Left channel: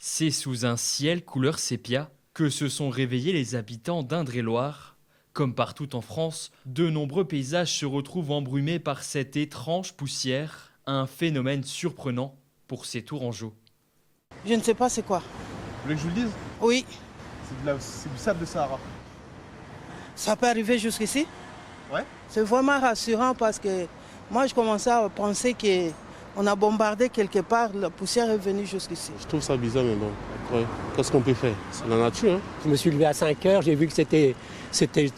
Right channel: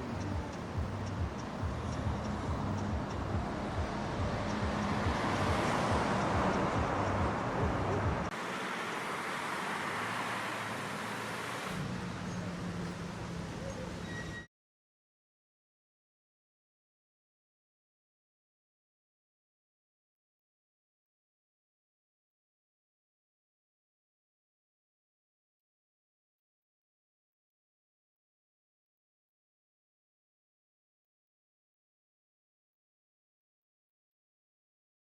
C'est sous un ciel couleur sépia que se sont réveillés les habitants d'Indre-et-Loire. Comme partout en France, de nombreux paysages se retrouvent embrumés par cette étrange poussière, un phénomène surprenant pour ces Tourangeaux. Je ne sais pas c'est quoi. Vous voulez que je vous le dise? Oui, C'est du sable de Sahara. ça peut arriver jusqu'ici. Ouais. C'est vraiment rassurant parce que moi je commençais à penser qu'on a bombardé quelque part, la poussière est venue jusqu'ici. Je trouve ça bizarre, mais bon, après, qu'est-ce qu'on peut faire? C'est la nature, hein. Je me suis levé à 5 heures, j'ai vu que c'était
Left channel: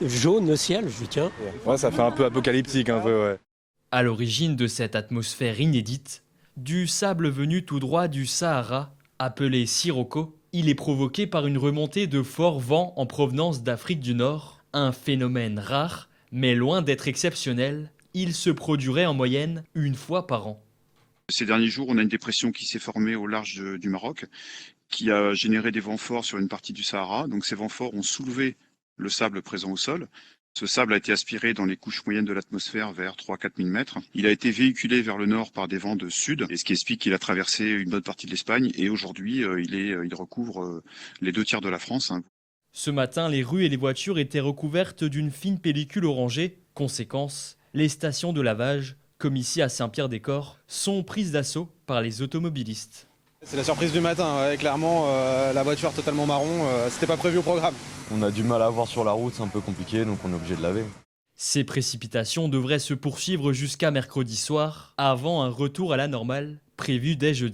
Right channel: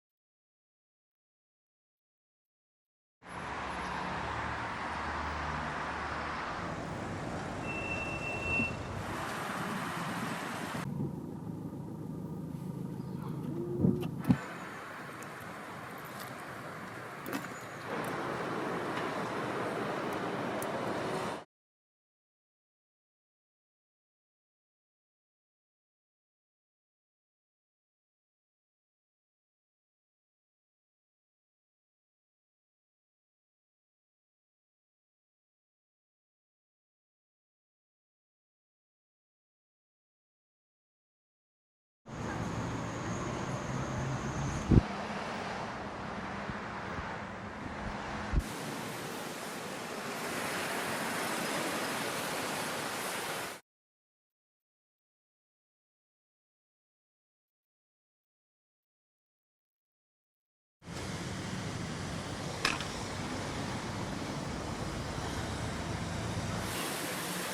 jaune le ciel, je dis tiens. Ouais, ça fait un peu apocalyptique, un peu, ouais. À l'origine de cette atmosphère inédite, du sable venu tout droit du Sahara, appelé sirocco, il est provoqué par une remontée de forts vents en provenance d'Afrique du Nord, un phénomène rare, mais loin d'être exceptionnel, il se produirait en moyenne une fois par an. Ces derniers jours, on a une dépression qui s'est formée au large du Maroc, qui a généré des vents forts sur une partie du Sahara. Donc ces vents forts ont soulevé le sable présent au sol. Ce sable a été aspiré dans les couches moyennes de l'atmosphère vers 3-4 000 mètres. Il a été véhiculé vers le nord par des vents de sud, et ce qui explique qu'il a traversé une bonne partie de l'Espagne. Et aujourd'hui, il recouvre les 2 tiers de la France. Ce matin, les rues et les voitures étaient recouvertes d'une fine pellicule orangée. Conséquence, les stations de lavage, comme ici à Saint-Pierre-des-Corps, sont prises d'assaut par les automobilistes. C'est la surprise du matin, ouais, clairement, la voiture totalement marron, c'était pas prévu au programme. On a du mal à voir sur la route, c'est un peu compliqué, donc on est obligé de laver. Ces précipitations devraient se poursuivre jusqu'à mercredi soir, avant un retour à la normale prévu dès jeudi.